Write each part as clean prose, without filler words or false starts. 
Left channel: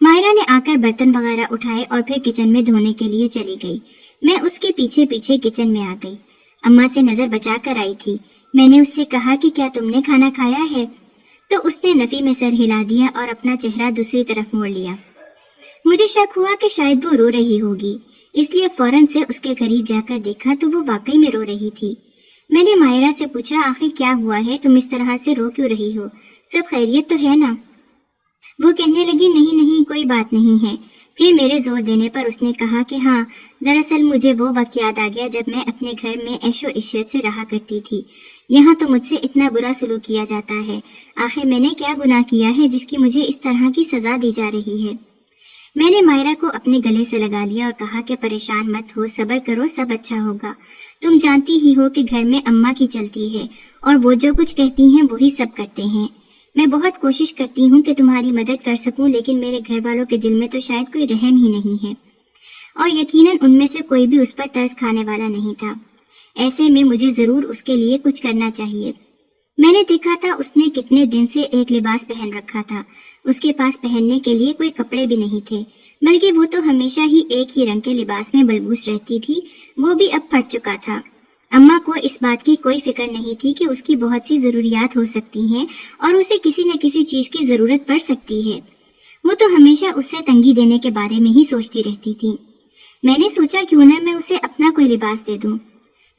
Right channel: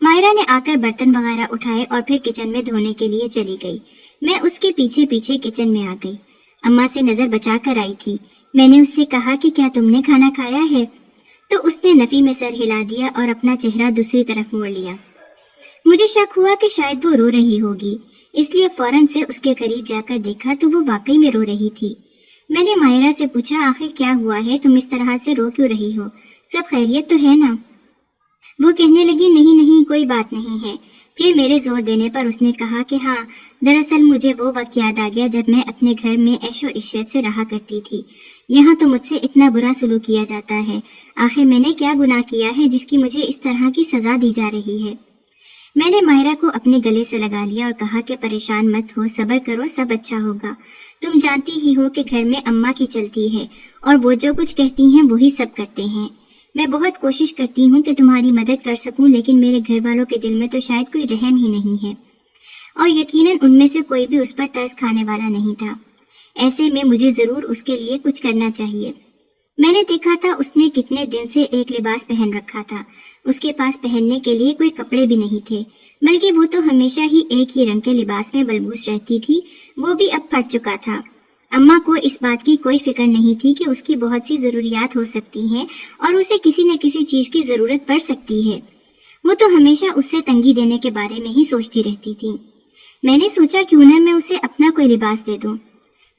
ماہرہ نے آ کر برتن وغیرہ اٹھائے اور پھر کچن میں دھونے کے لیے چلی گئی۔ میں اس کے پیچھے پیچھے کچن میں آ گئی۔ اماں سے نظر بچا کر آئی تھی۔ میں نے اس سے کہا کہ کیا تم نے کھانا کھایا ہے؟ تو اس نے نفی میں سر ہلا دیا اور اپنا چہرہ دوسری طرف موڑ لیا۔ مجھے شک ہوا کہ شاید وہ رو رہی ہوگی، اس لیے فوراً سے اس کے قریب جا کر دیکھا تو وہ واقعی میں رو رہی تھی۔ میں نے ماہرہ سے پوچھا، آخر کیا ہوا ہے؟ تم اس طرح سے رو کیوں رہی ہو؟ سب خیریت تو ہے نا؟ وہ کہنے لگی، نہیں نہیں، کوئی بات نہیں ہے۔ پھر میرے زور دینے پر اس نے کہا کہ ہاں، دراصل مجھے وہ وقت یاد آ گیا جب میں اپنے گھر میں عیش و عشرت سے رہا کرتی تھی۔ یہاں تو مجھ سے اتنا برا سلوک کیا جاتا ہے۔ آخر میں نے کیا گناہ کیا ہے جس کی مجھے اس طرح کی سزا دی جا رہی ہے؟ میں نے ماہرہ کو اپنے گلے سے لگا لیا اور کہا کہ پریشان مت ہو، صبر کرو، سب اچھا ہوگا۔ تم جانتی ہی ہو کہ گھر میں اماں کی چلتی ہے اور وہ جو کچھ کہتی ہیں وہی سب کرتے ہیں۔ میں بہت کوشش کرتی ہوں کہ تمہاری مدد کر سکوں، لیکن میرے گھر والوں کے دل میں تو شاید کوئی رحم ہی نہیں ہے، اور یقیناً ان میں سے کوئی بھی اس پر ترس کھانے والا نہیں تھا۔ ایسے میں مجھے ضرور اس کے لیے کچھ کرنا چاہیے۔ میں نے دیکھا تھا اس نے کتنے دن سے ایک لباس پہن رکھا تھا۔ اس کے پاس پہننے کے لیے کوئی کپڑے بھی نہیں تھے، بلکہ وہ تو ہمیشہ ہی ایک ہی رنگ کے لباس میں ملبوس رہتی تھی، وہ بھی اب پھٹ چکا تھا۔ اماں کو اس بات کی کوئی فکر نہیں تھی کہ اس کی بہت سی ضروریات ہو سکتی ہیں اور اسے کسی نہ کسی چیز کی ضرورت پڑ سکتی ہے۔ وہ تو ہمیشہ اس سے تنگی دینے کے بارے میں ہی سوچتی رہتی تھی۔ میں نے سوچا کیوں نہ میں اسے اپنا کوئی لباس دے دوں۔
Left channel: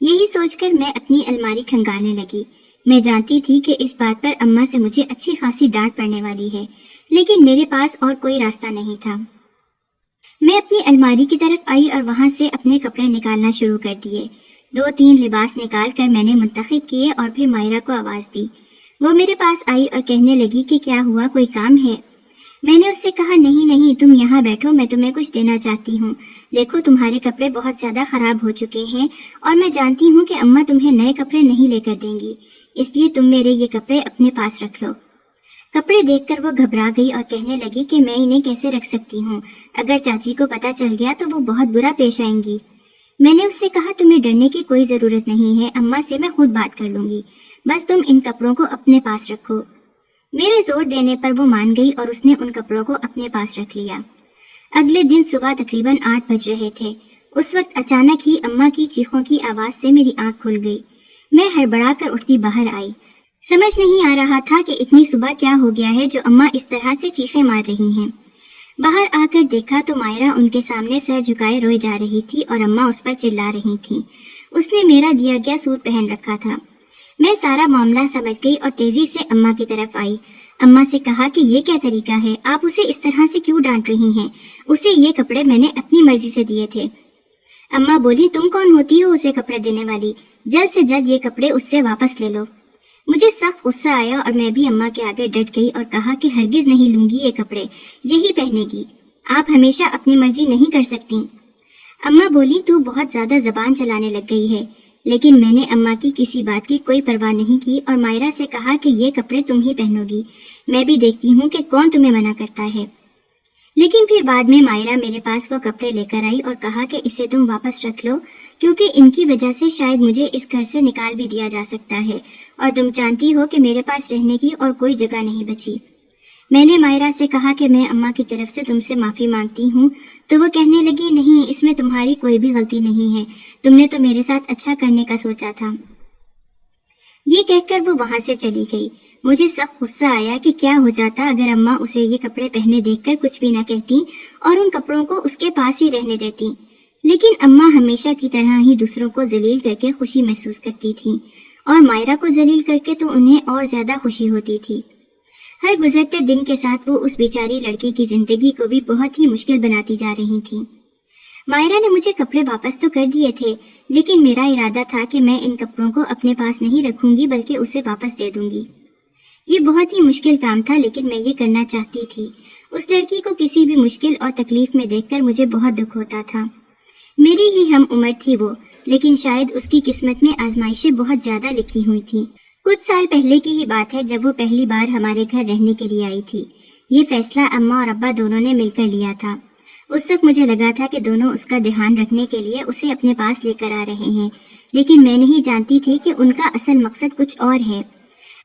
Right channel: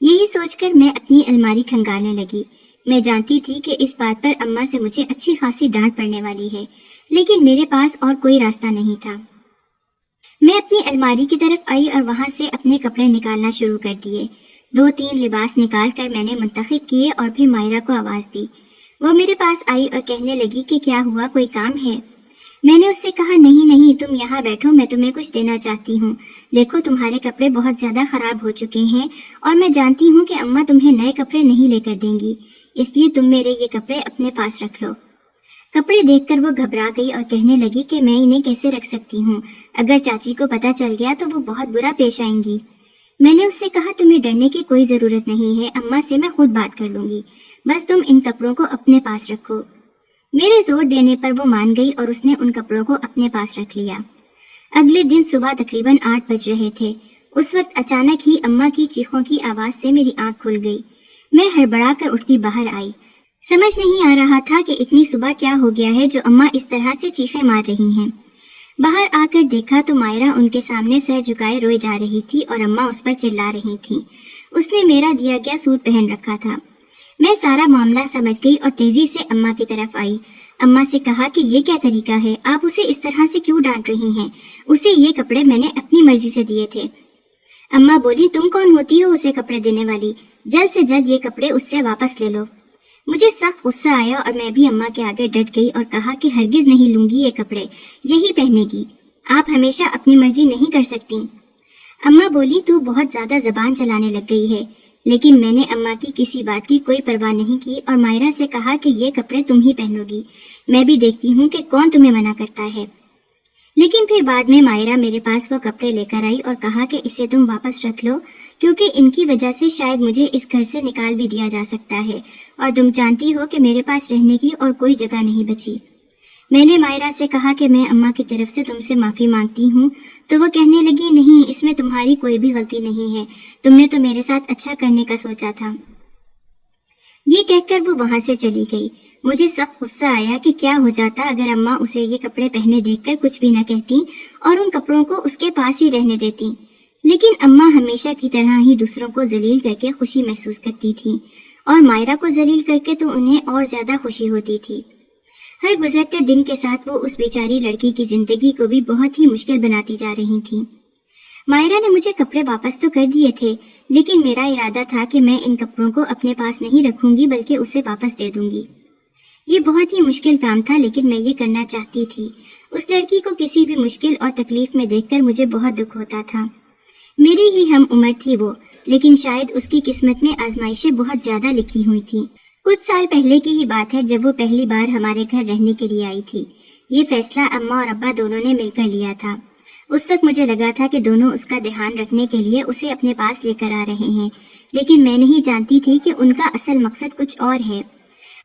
یہی سوچ کر میں اپنی الماری کھنگالنے لگی۔ میں جانتی تھی کہ اس بات پر اماں سے مجھے اچھی خاصی ڈانٹ پڑنے والی ہے، لیکن میرے پاس اور کوئی راستہ نہیں تھا۔ میں اپنی الماری کی طرف آئی اور وہاں سے اپنے کپڑے نکالنا شروع کر دیے۔ 2-3 لباس نکال کر میں نے منتخب کیے اور پھر ماہرہ کو آواز دی۔ وہ میرے پاس آئی اور کہنے لگی کہ کیا ہوا، کوئی کام ہے؟ میں نے اس سے کہا، نہیں نہیں، تم یہاں بیٹھو، میں تمہیں کچھ دینا چاہتی ہوں۔ دیکھو تمہارے کپڑے بہت زیادہ خراب ہو چکے ہیں اور میں جانتی ہوں کہ اماں تمہیں نئے کپڑے نہیں لے کر دیں گی، اس لیے تم میرے یہ کپڑے اپنے پاس رکھ لو۔ کپڑے دیکھ کر وہ گھبرا گئی اور کہنے لگی کہ میں انہیں کیسے رکھ سکتی ہوں، اگر چاچی کو پتہ چل گیا تو وہ بہت برا پیش آئیں گی۔ میں نے اس سے کہا، تمہیں ڈرنے کی کوئی ضرورت نہیں ہے، اماں سے میں خود بات کر لوں گی، بس تم ان کپڑوں کو اپنے پاس رکھو۔ میرے زور دینے پر وہ مان گئی اور اس نے ان کپڑوں کو اپنے پاس رکھ لیا۔ اگلے دن صبح تقریباً 8 بج رہے تھے۔ اس وقت اچانک ہی اماں کی چیخوں کی آواز سے میری آنکھ کھل گئی۔ میں ہڑبڑا کر اٹھتی باہر آئی۔ سمجھ نہیں آ رہا تھا کہ اتنی صبح کیا ہو گیا ہے جو اماں اس طرح سے چیخیں مار رہی ہیں۔ باہر آ کر دیکھا تو ماہرہ ان کے سامنے سر جھکائے روئی جا رہی تھی اور اماں اس پر چلا رہی تھی۔ اس نے میرا دیا گیا سوٹ پہن رکھا تھا۔ میں سارا معاملہ سمجھ گئی اور تیزی سے اماں کی طرف آئی۔ اماں سے کہا کہ یہ کیا طریقہ ہے، آپ اسے اس طرح سے کیوں ڈانٹ رہی ہیں؟ اسے یہ کپڑے میں نے اپنی مرضی سے دیے تھے۔ اماں بولی، تم کون ہوتی ہو اسے کپڑے دینے والی؟ جلد سے جلد یہ کپڑے اس سے واپس لے لو۔ مجھے سخت غصہ آیا اور میں بھی اماں کے آگے ڈٹ گئی اور کہا کہ ہرگز نہیں لوں گی یہ کپڑے، یہی پہنے گی، آپ ہمیشہ اپنی مرضی نہیں کر سکتی۔ اماں بولی، تو بہت زیادہ زبان چلانے لگ گئی ہے، لیکن میں نے اماں کی کسی بات کی کوئی پرواہ نہیں کی اور ماہرہ سے کہا کہ یہ کپڑے تم ہی پہنو گی، میں بھی دیکھتی ہوں کہ کون تمہیں منع کرتا ہے۔ لیکن پھر بعد میں ماہرہ میرے پاس وہ کپڑے لے کر آئی اور کہا کہ اسے تم واپس رکھ لو، کیونکہ ان کی وجہ سے شاید مجھے اس گھر سے نکال بھی دیا جا سکتا ہے، اور تم جانتی ہو کہ میرے پاس رہنے کی اور کوئی جگہ نہیں بچی۔ میں نے ماہرہ سے کہا کہ میں اماں کی طرف سے تم سے معافی مانگتی ہوں، تو وہ کہنے لگی، نہیں، اس میں تمہاری کوئی بھی غلطی نہیں ہے، تم نے تو میرے ساتھ اچھا کرنے کا سوچا تھا۔ یہ کہہ کر وہ وہاں سے چلی گئی۔ مجھے سخت غصہ آیا کہ کیا ہو جاتا اگر اماں اسے یہ کپڑے پہنے دیکھ کر کچھ بھی نہ کہتی اور ان کپڑوں کو اس کے پاس ہی رہنے دیتی، لیکن اماں ہمیشہ کی طرح ہی دوسروں کو ذلیل کر کے خوشی محسوس کرتی تھی، اور ماہرہ کو ذلیل کر کے تو انہیں اور زیادہ خوشی ہوتی تھی۔ ہر گزرتے دن کے ساتھ وہ اس بیچاری لڑکی کی زندگی کو بھی بہت ہی مشکل بناتی جا رہی تھی۔ ماہرہ نے مجھے کپڑے واپس تو کر دیے تھے، لیکن میرا ارادہ تھا کہ میں ان کپڑوں کو اپنے پاس نہیں رکھوں گی بلکہ اسے واپس دے دوں گی۔ یہ بہت ہی مشکل کام تھا، لیکن میں یہ کرنا چاہتی تھی۔ اس لڑکی کو کسی بھی مشکل اور تکلیف میں دیکھ کر مجھے بہت دکھ ہوتا تھا۔ میری ہی ہم عمر تھی وہ، لیکن شاید اس کی قسمت میں آزمائشیں بہت زیادہ لکھی ہوئی تھیں۔ کچھ سال پہلے کی ہی بات ہے جب وہ پہلی بار ہمارے گھر رہنے کے لیے آئی تھی۔ یہ فیصلہ اماں اور ابا دونوں نے مل کر لیا تھا۔ اس وقت مجھے لگا تھا کہ دونوں اس کا دھیان رکھنے کے لیے اسے اپنے پاس لے کر آ رہے ہیں، لیکن میں نہیں جانتی تھی کہ ان کا اصل مقصد کچھ اور ہے۔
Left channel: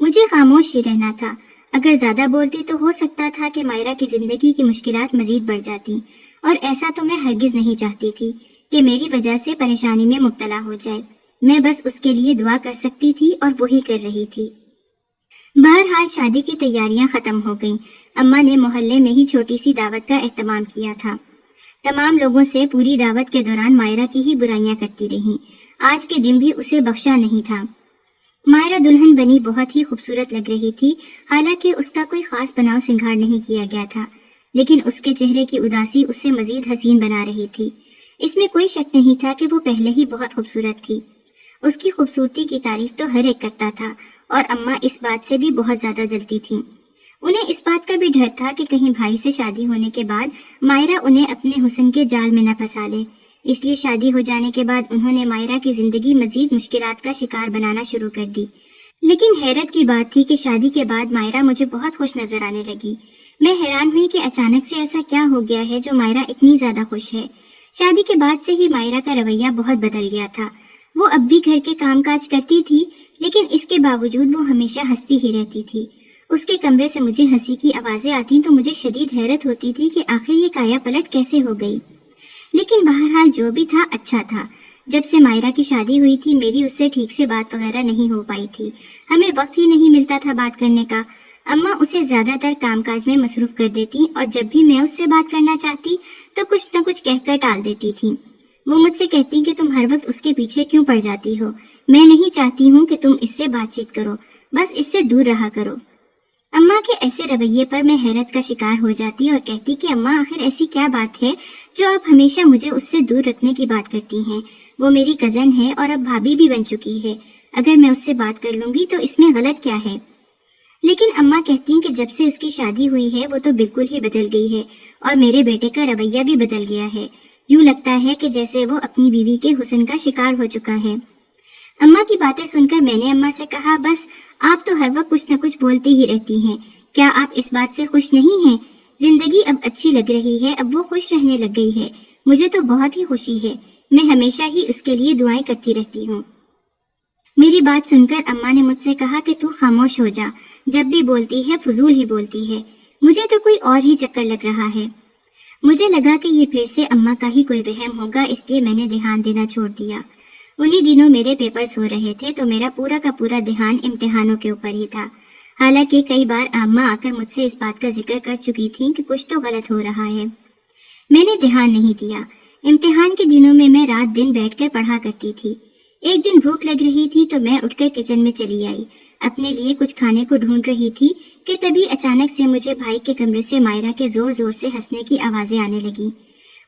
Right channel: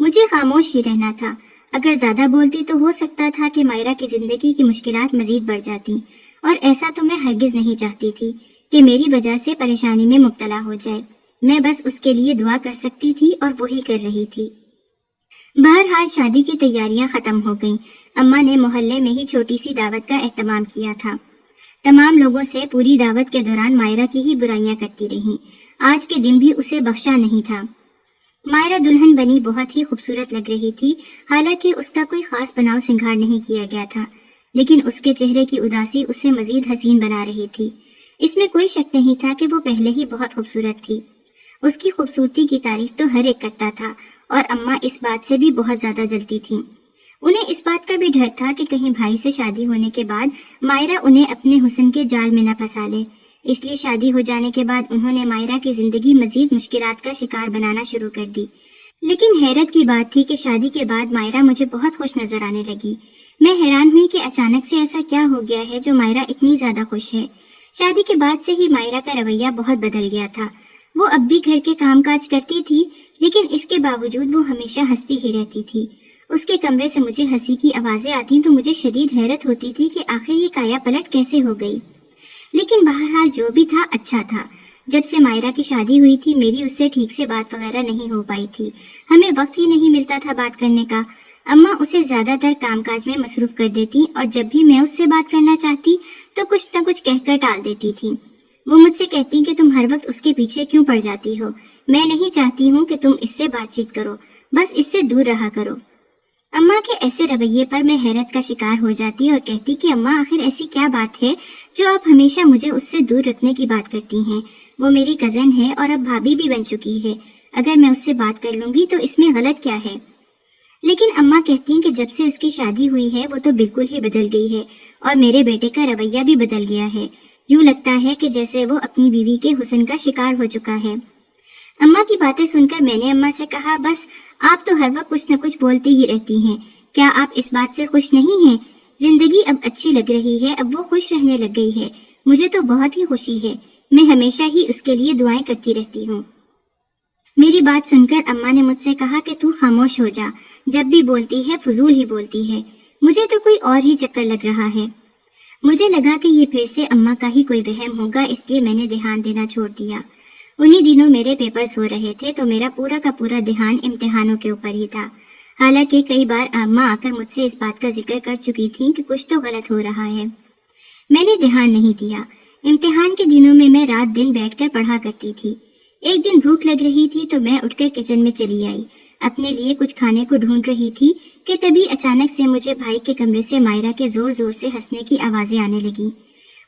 مجھے خاموش ہی رہنا تھا۔ اگر زیادہ بولتی تو ہو سکتا تھا کہ مائرہ کی زندگی کی مشکلات مزید بڑھ جاتی، اور ایسا تو میں ہرگز نہیں چاہتی تھی کہ میری وجہ سے پریشانی میں مبتلا ہو جائے۔ میں بس اس کے لیے دعا کر سکتی تھی اور وہی کر رہی تھی۔ بہرحال شادی کی تیاریاں ختم ہو گئیں۔ اماں نے محلے میں ہی چھوٹی سی دعوت کا اہتمام کیا تھا۔ تمام لوگوں سے پوری دعوت کے دوران مائرہ کی ہی برائیاں کرتی رہیں۔ آج کے دن بھی اسے بخشا نہیں تھا۔ مائرہ دلہن بنی بہت ہی خوبصورت لگ رہی تھی، حالانکہ اس کا کوئی خاص بناؤ سنگھار نہیں کیا گیا تھا، لیکن اس کے چہرے کی اداسی اسے مزید حسین بنا رہی تھی۔ اس میں کوئی شک نہیں تھا کہ وہ پہلے ہی بہت خوبصورت تھی۔ اس کی خوبصورتی کی تعریف تو ہر ایک کرتا تھا، اور اماں اس بات سے بھی بہت زیادہ جلتی تھیں۔ انہیں اس بات کا بھی ڈر تھا کہ کہیں بھائی سے شادی ہونے کے بعد مائرہ انہیں اپنے حسن کے جال میں نہ پھنسا لے، اس لیے شادی ہو جانے کے بعد انہوں نے مائرہ کی زندگی مزید مشکلات کا شکار بنانا شروع کر دی۔ لیکن حیرت کی بات تھی کہ شادی کے بعد مائرہ مجھے بہت خوش نظر آنے لگی۔ میں حیران ہوئی کہ اچانک سے ایسا کیا ہو گیا ہے جو مائرہ اتنی زیادہ خوش ہے۔ شادی کے بعد سے ہی مائرہ کا رویہ بہت بدل گیا تھا۔ وہ اب بھی گھر کے کام کاج کرتی تھی، لیکن اس کے باوجود وہ ہمیشہ ہنستی ہی رہتی تھی۔ اس کے کمرے سے مجھے ہنسی کی آوازیں آتی تو مجھے شدید حیرت ہوتی تھی کہ آخر یہ کایا پلٹ کیسے ہو گئی۔ لیکن بہرحال جو بھی تھا اچھا تھا۔ جب سے مائرہ کی شادی ہوئی تھی میری اس سے ٹھیک سے بات وغیرہ نہیں ہو پائی تھی، ہمیں وقت ہی نہیں ملتا تھا بات کرنے کا۔ اماں اسے زیادہ تر کام کاج میں مصروف کر دیتی، اور جب بھی میں اس سے بات کرنا چاہتی تو کچھ نہ کچھ کہہ کر ٹال دیتی تھی۔ وہ مجھ سے کہتی کہ تم ہر وقت اس کے پیچھے کیوں پڑ جاتی ہو، میں نہیں چاہتی ہوں کہ تم اس سے بات چیت کرو، بس اس سے دور رہا کرو۔ اماں کے ایسے رویے پر میں حیرت کا شکار ہو جاتی اور کہتی کہ اماں آخر ایسی کیا بات ہے جو آپ ہمیشہ مجھے اس سے دور رکھنے کی بات کرتی ہیں؟ وہ میری کزن ہے اور اب بھابھی بھی بن چکی ہے، اگر میں اس سے بات کر لوں گی تو اس میں غلط کیا ہے؟ لیکن اماں کہتی کہ جب سے اس کی شادی ہوئی ہے وہ تو بالکل ہی بدل گئی ہے، اور میرے بیٹے کا رویہ بھی بدل گیا ہے۔ یوں لگتا ہے کہ جیسے وہ اپنی بیوی کے حسن کا شکار ہو چکا ہے۔ اماں کی باتیں سن کر میں نے اماں سے کہا، بس آپ تو ہر وقت کچھ نہ کچھ بولتی ہی رہتی ہیں، کیا آپ اس بات سے خوش نہیں ہیں؟ زندگی اب اچھی لگ رہی ہے، اب وہ خوش رہنے لگ گئی ہے، مجھے تو بہت ہی خوشی ہے، میں ہمیشہ ہی اس کے لیے دعائیں کرتی رہتی ہوں۔ میری بات سن کر اماں نے مجھ سے کہا کہ تو خاموش ہو جا، جب بھی بولتی ہے فضول ہی بولتی ہے، مجھے تو کوئی اور ہی چکر لگ رہا ہے۔ مجھے لگا کہ یہ پھر سے اماں کا ہی کوئی وہم ہوگا، اس لیے میں نے دھیان دینا چھوڑ دیا۔ انہی دنوں میرے پیپرز ہو رہے تھے تو میرا پورا کا پورا دھیان امتحانوں کے اوپر ہی تھا۔ حالانکہ کئی بار اماں آ کر مجھ سے اس بات کا ذکر کر چکی تھیں کہ کچھ تو غلط ہو رہا ہے۔ میں نے دھیان نہیں دیا۔ امتحان کے دنوں میں رات دن بیٹھ کر پڑھا کرتی تھی۔ ایک دن بھوک لگ رہی تھی تو میں اٹھ کر کچن میں چلی آئی، اپنے لیے کچھ کھانے کو ڈھونڈ رہی تھی کہ تبھی اچانک سے مجھے بھائی کے کمرے سے مائرہ کے زور زور سے ہنسنے کی آوازیں آنے لگی۔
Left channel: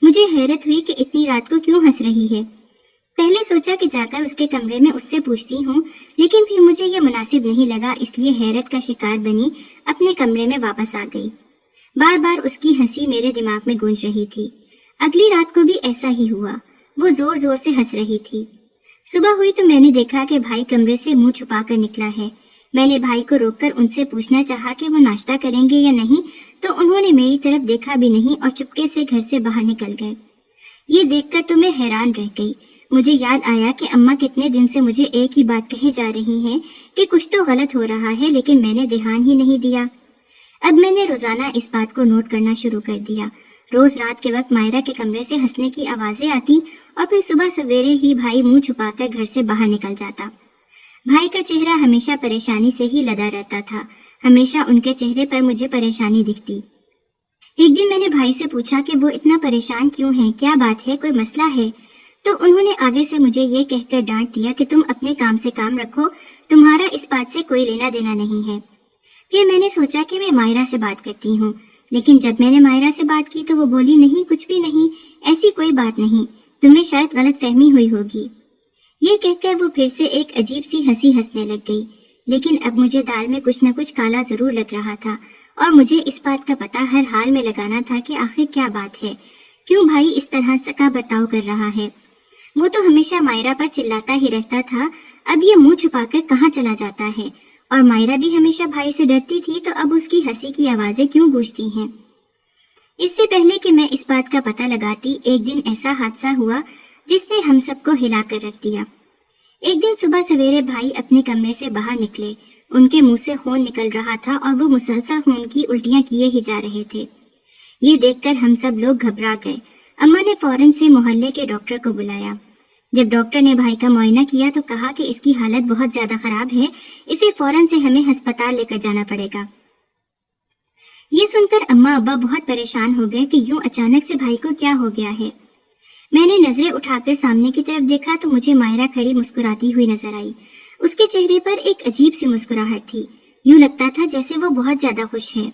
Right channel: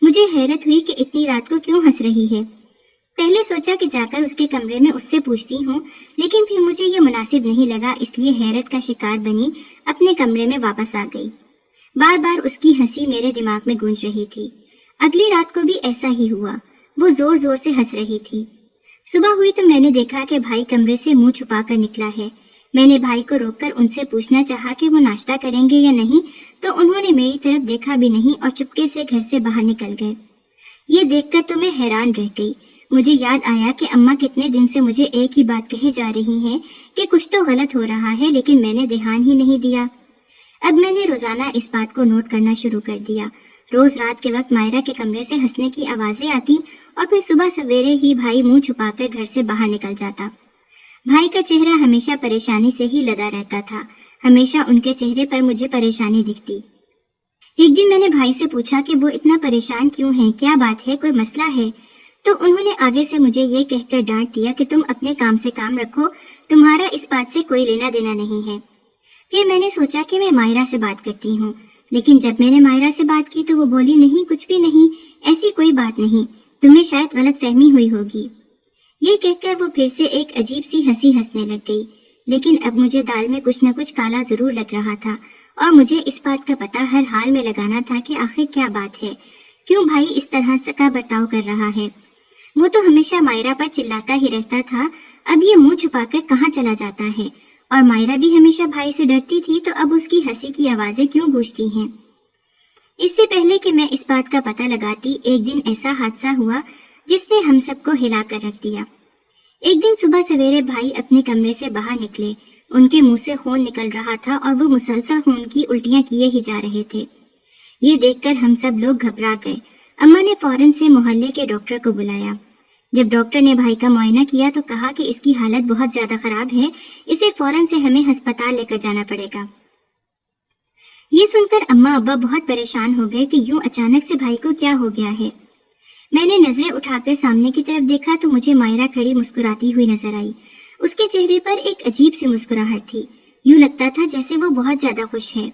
مجھے حیرت ہوئی کہ اتنی رات کو کیوں ہنس رہی ہے۔ پہلے سوچا کہ جا کر اس کے کمرے میں اس سے پوچھتی ہوں، لیکن پھر مجھے یہ مناسب نہیں لگا، اس لیے حیرت کا شکار بنی اپنے کمرے میں واپس آ گئی۔ بار بار اس کی ہنسی میرے دماغ میں گونج رہی تھی۔ اگلی رات کو بھی ایسا ہی ہوا، وہ زور زور سے ہنس رہی تھی۔ صبح ہوئی تو میں نے دیکھا کہ بھائی کمرے سے منہ چھپا کر نکلا ہے۔ میں نے بھائی کو روک کر ان سے پوچھنا چاہا کہ وہ ناشتہ کریں گے یا نہیں، تو انہوں نے میری طرف دیکھا بھی نہیں اور چپکے سے گھر سے باہر نکل گئے۔ یہ دیکھ کر تو میں حیران رہ گئی۔ مجھے یاد آیا کہ اماں کتنے دن سے مجھے ایک ہی بات کہے جا رہی ہیں کہ کچھ تو غلط ہو رہا ہے، لیکن میں نے دھیان ہی نہیں دیا۔ اب میں نے روزانہ اس بات کو نوٹ کرنا شروع کر دیا۔ روز رات کے وقت مائرہ کے کمرے سے ہنسنے کی آوازیں آتی اور پھر صبح سویرے ہی بھائی منہ چھپا کر گھر سے باہر نکل جاتا۔ بھائی کا چہرہ ہمیشہ پریشانی سے ہی لدا رہتا تھا، ہمیشہ ان کے چہرے پر مجھے پریشانی دکھتی۔ ایک دن میں نے بھائی سے پوچھا کہ وہ اتنا پریشان کیوں ہیں، کیا بات ہے، کوئی مسئلہ ہے؟ تو انہوں نے آگے سے مجھے یہ کہہ کر ڈانٹ دیا کہ تم اپنے کام سے کام رکھو، تمہارا اس بات سے کوئی لینا دینا نہیں ہے۔ پھر میں نے سوچا کہ میں مائرہ سے بات کرتی ہوں، لیکن جب میں نے مائرہ سے بات کی تو وہ بولی، نہیں کچھ بھی نہیں، ایسی کوئی بات نہیں، تمہیں شاید غلط فہمی ہوئی ہوگی۔ یہ کہہ کر وہ پھر سے ایک عجیب سی ہنسی ہنسنے لگ گئی۔ لیکن اب مجھے دال میں کچھ نہ کچھ کالا ضرور لگ رہا تھا، اور مجھے اس بات کا پتہ ہر حال میں لگانا تھا کہ آخر کیا بات ہے، کیوں بھائی اس طرح کا برتاؤ کر رہا ہے۔ وہ تو ہمیشہ مائرہ پر چلاتا ہی رہتا تھا، اب یہ منہ چھپا کر کہاں چلا جاتا ہے، اور مائرہ بھی ہمیشہ بھائی سے ڈرتی تھی تو اب اس کی ہنسی کی آوازیں کیوں گونجتی ہیں۔ اس سے پہلے کہ میں اس بات کا پتہ لگاتی، ایک دن ایسا حادثہ ہوا جس نے ہم سب کو ہلا کر رکھ دیا۔ ایک دن صبح سویرے بھائی اپنے کمرے سے باہر نکلے ان کے منہ سے خون نکل رہا تھا اور وہ مسلسل خون کی الٹیاں کیے ہی جا رہے تھے۔ یہ دیکھ کر ہم سب لوگ گھبرا گئے۔ اماں نے فوراً سے محلے کے ڈاکٹر کو بلایا۔ جب ڈاکٹر نے بھائی کا معائنہ کیا تو کہا کہ اس کی حالت بہت زیادہ خراب ہے، اسے فوراً سے ہمیں ہسپتال لے کر جانا پڑے گا۔ یہ سن کر اماں ابا بہت پریشان ہو گئے کہ یوں اچانک سے بھائی کو کیا ہو گیا ہے۔ میں نے نظریں اٹھا کر سامنے کی طرف دیکھا تو مجھے مائرہ کھڑی مسکراتی ہوئی نظر آئی۔ اس کے چہرے پر ایک عجیب سی مسکراہٹ تھی، یوں لگتا تھا جیسے وہ بہت زیادہ خوش ہے۔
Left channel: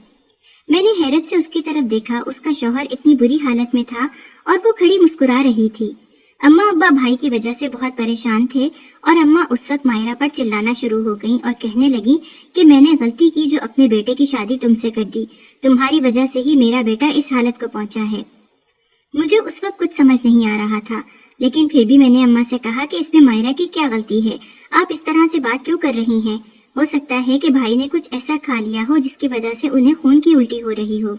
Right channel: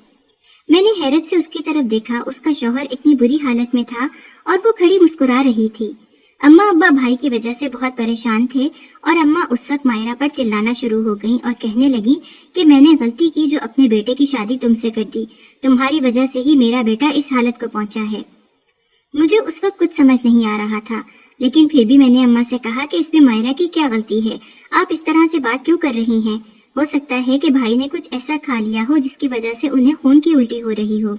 میں نے حیرت سے اس کی طرف دیکھا، اس کا شوہر اتنی بری حالت میں تھا اور وہ کھڑی مسکرا رہی تھی۔ اماں ابا بھائی کی وجہ سے بہت پریشان تھے اور اماں اس وقت مائرہ پر چلانا شروع ہو گئیں اور کہنے لگی کہ میں نے غلطی کی جو اپنے بیٹے کی شادی تم سے کر دی، تمہاری وجہ سے ہی میرا بیٹا اس حالت کو پہنچا ہے۔ مجھے اس وقت کچھ سمجھ نہیں آ رہا تھا، لیکن پھر بھی میں نے اماں سے کہا کہ اس میں مائرہ کی کیا غلطی ہے، آپ اس طرح سے بات کیوں کر رہی ہیں؟ ہو سکتا ہے کہ بھائی نے کچھ ایسا کھا لیا ہو جس کی وجہ سے انہیں خون کی الٹی ہو رہی ہو۔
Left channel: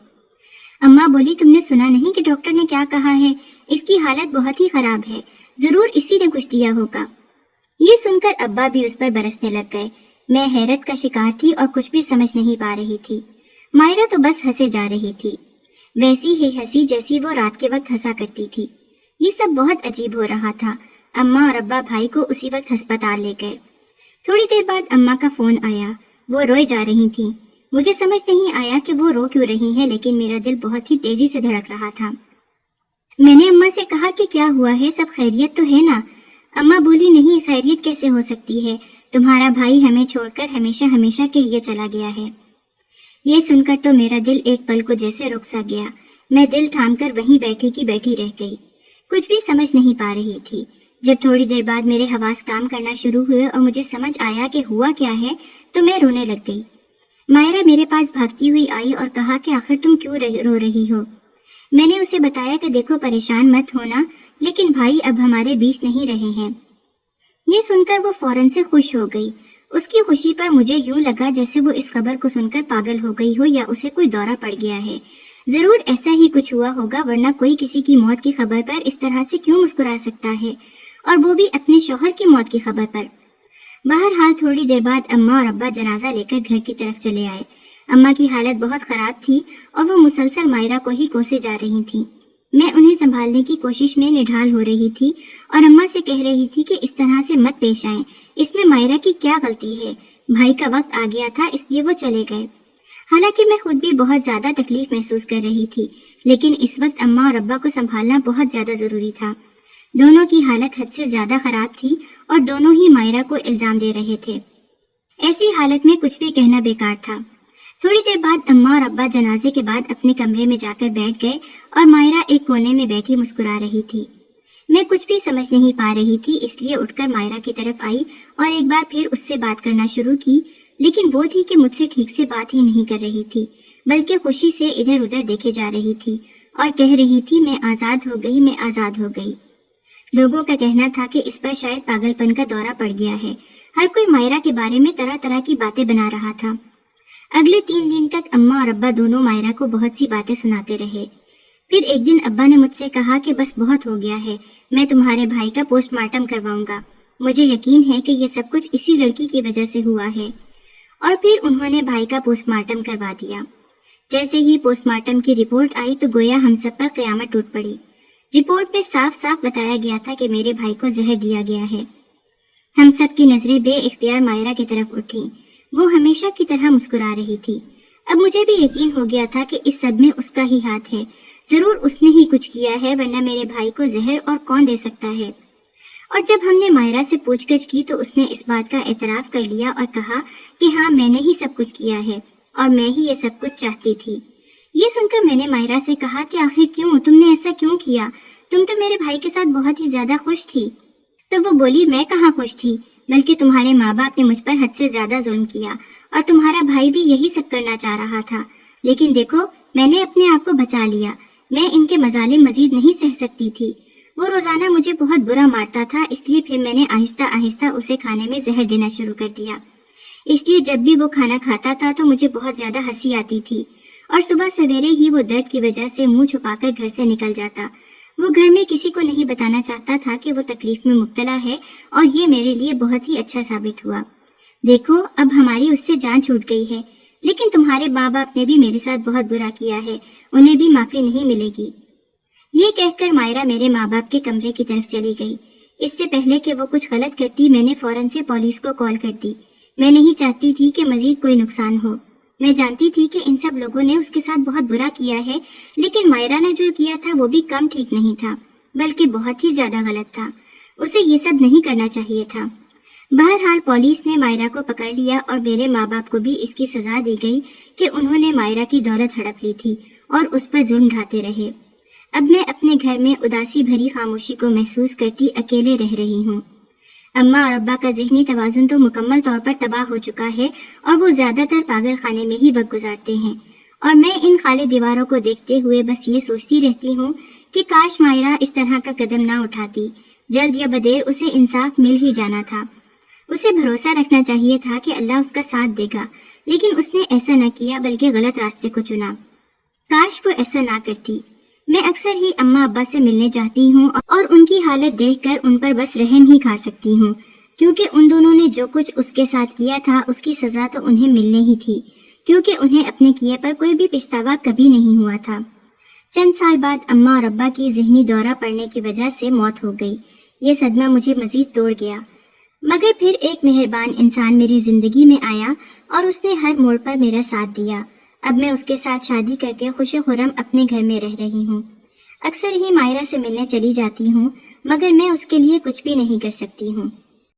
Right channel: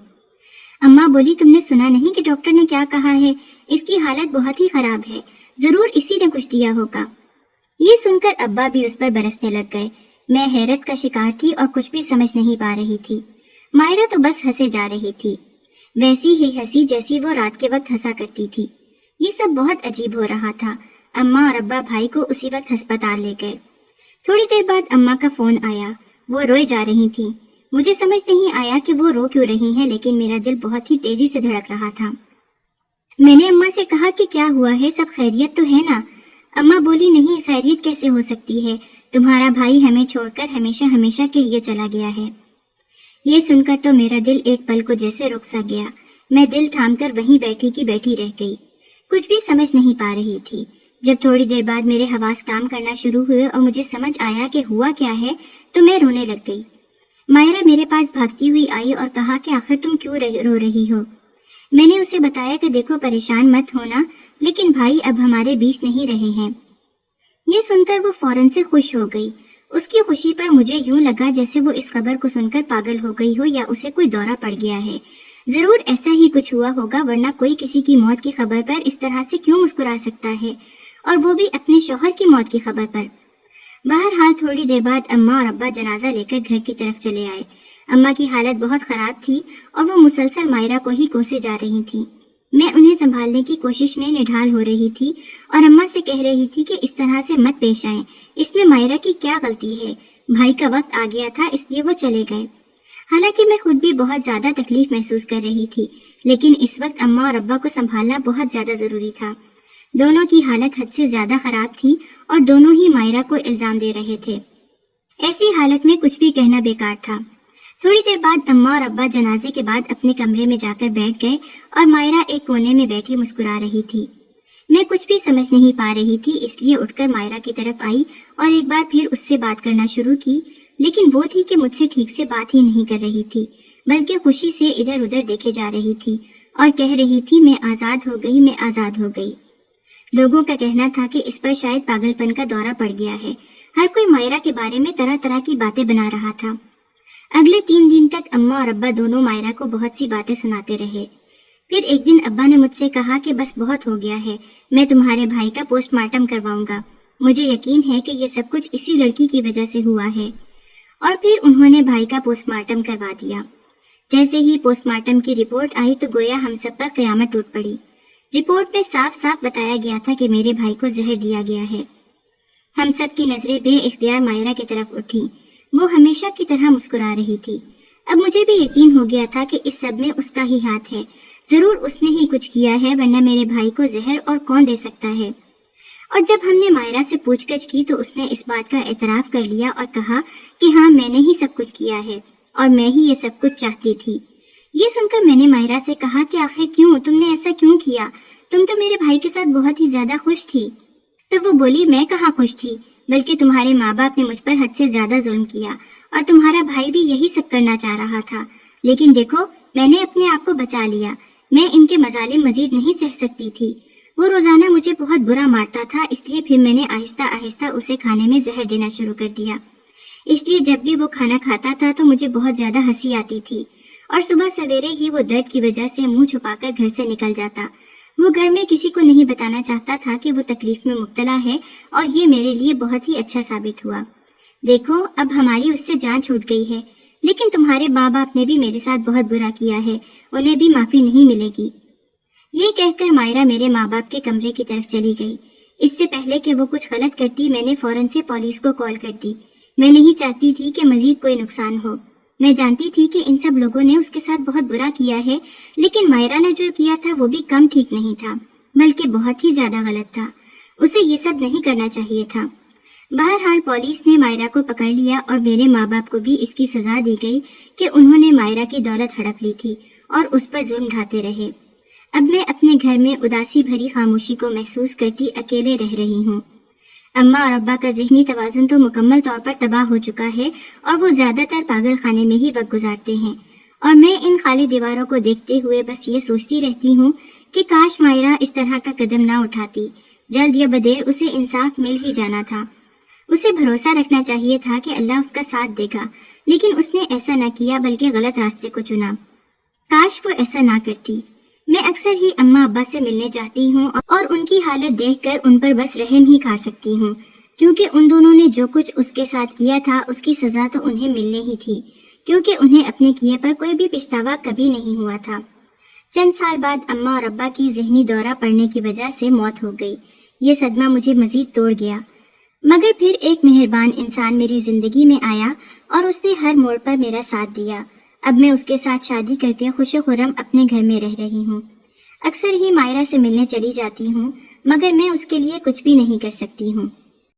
اماں بولی، تم نے سنا نہیں کہ ڈاکٹر نے کیا کہا ہے؟ اس کی حالت بہت ہی خراب ہے، ضرور اسی نے کچھ دیا ہوگا۔ یہ سن کر ابا بھی اس پر برسنے لگ گئے۔ میں حیرت کا شکار تھی اور کچھ بھی سمجھ نہیں پا رہی تھی۔ مائرہ تو بس ہنسے جا رہی تھی، ویسی ہی ہنسی جیسی وہ رات کے وقت ہنسا کرتی تھی۔ یہ سب بہت عجیب ہو رہا تھا۔ اماں اور ابا بھائی کو اسی وقت ہسپتال لے گئے۔ تھوڑی دیر بعد اماں کا فون آیا، وہ روئے جا رہی تھیں۔ مجھے سمجھ نہیں آیا کہ وہ رو کیوں رہی ہیں، لیکن میرا دل بہت ہی تیزی سے دھڑک رہا تھا۔ میں نے اماں سے کہا کہ کیا ہوا ہے، سب خیریت تو ہے نا؟ اماں بولی، نہیں، خیریت کیسے ہو سکتی ہے، تمہارا بھائی ہمیں چھوڑ کر ہمیشہ ہمیشہ کے لیے چلا گیا ہے۔ یہ سن کر تو میرا دل ایک پل کو جیسے رک سا گیا۔ میں دل تھام کر وہیں بیٹھی کی بیٹھی رہ گئی، کچھ بھی سمجھ نہیں پا رہی تھی۔ جب تھوڑی دیر بعد میرے حواس کام کرنا شروع ہوئے اور مجھے سمجھ آیا کہ ہوا کیا ہے تو میں رونے لگ گئی۔ مائرہ میرے پاس بھاگتی ہوئی آئی اور کہا کہ آخر تم کیوں رو رہی ہو؟ میں نے اسے بتایا کہ دیکھو، پریشان مت ہونا، لیکن بھائی اب ہمارے بیچ نہیں رہے ہیں۔ یہ سن کر وہ فوراً سے خوش ہو گئی۔ اس کی خوشی پر مجھے یوں لگا جیسے وہ اس خبر کو سن کر پاگل ہو گئی ہو یا اسے کوئی دورہ پڑ گیا ہے۔ ضرور ایسا ہی کچھ ہوا ہوگا، ورنہ کوئی کسی کی موت کی خبر پر اس طرح سے کیوں مسکرا سکتا ہے، اور وہ بھی اپنے شوہر کی موت کی خبر پر۔ بہرحال تھوڑی دیر بعد اماں اور ابا جنازہ لے کر گھر کی طرف چلے آئے۔ اماں کی حالت بہت خراب تھی اور وہ مسلسل مائرہ کو ہی کوسے جا رہی تھی۔ میں انہیں سنبھالنے کی کوشش میں نڈھال ہو رہی تھی اور اماں سے کہہ رہی تھی کہ اس طرح سے مت پیش آئیں، اس میں مائرہ کی کیا غلطی ہے، بھائی کا وقت آ گیا تھا اس لیے وہ چلے گئے۔ حالانکہ میں خود بھی بہت زیادہ تکلیف محسوس کر رہی تھی، لیکن اس وقت اماں اور ابا کو سنبھالنا بہت زیادہ ضروری تھا۔ دونوں کی حالت حد سے زیادہ خراب تھی اور دونوں ہی مائرہ کو الزام دے رہے تھے۔ ایسی حالت میں کچھ بھی کہنا بیکار تھا۔ تھوڑی دیر بعد اماں اور ابا جنازے کے بعد اپنے کمرے میں جا کر بیٹھ گئے اور مائرہ ایک کونے میں بیٹھی مسکرا رہی تھی۔ میں کچھ بھی سمجھ نہیں پا رہی تھی، اس لیے اٹھ کر مائرہ کی طرف آئی اور ایک بار پھر اس سے بات کرنا شروع کی، لیکن وہ تھی کہ مجھ سے ٹھیک سے بات ہی نہیں کر رہی تھی، بلکہ خوشی سے ادھر ادھر دیکھے جا رہی تھی اور کہہ رہی تھی، میں آزاد ہو گئی، میں آزاد ہو گئی۔ لوگوں کا کہنا تھا کہ اس پر شاید پاگل پن کا دورہ پڑ گیا ہے۔ ہر کوئی مائرہ کے بارے میں طرح طرح کی باتیں بنا رہا تھا۔ اگلے 3 دن تک اماں اور ابا دونوں مائرہ کو بہت سی باتیں سناتے رہے۔ پھر ایک دن ابا نے مجھ سے کہا کہ بس بہت ہو گیا ہے، میں تمہارے بھائی کا پوسٹ مارٹم کرواؤں گا، مجھے یقین ہے کہ یہ سب کچھ اسی لڑکی کی وجہ سے ہوا ہے۔ اور پھر انہوں نے بھائی کا پوسٹ مارٹم کروا دیا۔ جیسے ہی پوسٹ مارٹم کی رپورٹ آئی تو گویا ہم سب پر قیامت ٹوٹ پڑی۔ رپورٹ میں صاف صاف بتایا گیا تھا کہ میرے بھائی کو زہر دیا گیا ہے۔ ہم سب کی نظریں بے اختیار مائرہ کی طرف اٹھیں۔ وہ ہمیشہ کی طرح مسکرا رہی تھی۔ اب مجھے بھی یقین ہو گیا تھا کہ اس سب میں اس کا ہی ہاتھ ہے، ضرور اس نے ہی کچھ کیا ہے، ورنہ میرے بھائی کو زہر اور کون دے سکتا ہے۔ اور جب ہم نے مائرہ سے پوچھ گچھ کی تو اس نے اس بات کا اعتراف کر لیا اور کہا کہ ہاں، میں نے ہی سب کچھ کیا ہے اور میں ہی یہ سب کچھ چاہتی تھی۔ یہ سن کر میں نے مائرہ سے کہا کہ آخر کیوں، تم نے ایسا کیوں کیا؟ تم تو میرے بھائی کے ساتھ بہت ہی زیادہ خوش تھی۔ تو وہ بولی، میں کہاں خوش تھی، بلکہ تمہارے ماں باپ نے مجھ پر حد سے زیادہ ظلم کیا اور تمہارا بھائی بھی یہی سب کرنا چاہ رہا تھا، لیکن دیکھو میں نے اپنے آپ کو بچا لیا۔ میں ان کے مظالم مزید نہیں سہ سکتی تھی۔ وہ روزانہ مجھے بہت برا مارتا تھا، اس لیے پھر میں نے آہستہ آہستہ اسے کھانے میں زہر دینا شروع کر دیا۔ اس لیے جب بھی وہ کھانا کھاتا تھا تو مجھے بہت زیادہ ہنسی آتی تھی اور صبح سویرے ہی وہ درد کی وجہ سے منہ چھپا کر گھر سے نکل جاتا۔ وہ گھر میں کسی کو نہیں بتانا چاہتا تھا کہ وہ تکلیف میں مبتلا ہے اور یہ میرے لیے بہت ہی اچھا ثابت ہوا۔ دیکھو اب ہماری اس سے جان چھوٹ گئی ہے، لیکن تمہارے ماں باپ نے بھی میرے ساتھ بہت برا کیا ہے، انہیں بھی معافی نہیں ملے گی۔ یہ کہہ کر مائرہ میرے ماں باپ کے کمرے کی طرف چلی گئی۔ اس سے پہلے کہ وہ کچھ غلط کرتی میں نے فوراً سے پولیس کو کال کر دی۔ میں نہیں چاہتی تھی کہ مزید کوئی نقصان ہو۔ میں جانتی تھی کہ ان سب لوگوں نے اس کے ساتھ بہت برا کیا ہے، لیکن مائرہ نے جو کیا تھا وہ بھی کم ٹھیک نہیں تھا، بلکہ بہت ہی زیادہ غلط تھا۔ اسے یہ سب نہیں کرنا چاہیے تھا۔ بہرحال پولیس نے مائرہ کو پکڑ لیا اور میرے ماں باپ کو بھی اس کی سزا دی گئی کہ انہوں نے مائرہ کی دولت ہڑپ لی تھی اور اس پر ظلم ڈھاتے رہے۔ اب میں اپنے گھر میں اداسی بھری خاموشی کو محسوس کرتی اکیلے رہ رہی ہوں۔ اماں اور ابا کا ذہنی توازن تو مکمل طور پر تباہ ہو چکا ہے اور وہ زیادہ تر پاگل خانے میں ہی وقت گزارتے ہیں، اور میں ان خالی دیواروں کو دیکھتے ہوئے بس یہ سوچتی رہتی ہوں کہ کاش مائرہ اس طرح کا قدم نہ اٹھاتی۔ جلد یا بدیر اسے انصاف مل ہی جانا تھا۔ اسے بھروسہ رکھنا چاہیے تھا کہ اللہ اس کا ساتھ دے گا، لیکن اس نے ایسا نہ کیا بلکہ غلط راستے کو چنا۔ کاش وہ ایسا نہ کرتی۔ میں اکثر ہی اماں ابا سے ملنے جاتی ہوں اور ان کی حالت دیکھ کر ان پر بس رحم ہی کھا سکتی ہوں، کیونکہ ان دونوں نے جو کچھ اس کے ساتھ کیا تھا اس کی سزا تو انہیں ملنے ہی تھی، کیونکہ انہیں اپنے کیے پر کوئی بھی پچھتاوا کبھی نہیں ہوا تھا۔ چند سال بعد اماں اور ابا کی ذہنی دورہ پڑنے کی وجہ سے موت ہو گئی۔ یہ صدمہ مجھے مزید توڑ گیا، مگر پھر ایک مہربان انسان میری زندگی میں آیا اور اس نے ہر موڑ پر میرا ساتھ دیا۔ اب میں اس کے ساتھ شادی کر کے خوش و خرم اپنے گھر میں رہ رہی ہوں۔ اکثر ہی مائرہ سے ملنے چلی جاتی ہوں، مگر میں اس کے لیے کچھ بھی نہیں کر سکتی ہوں۔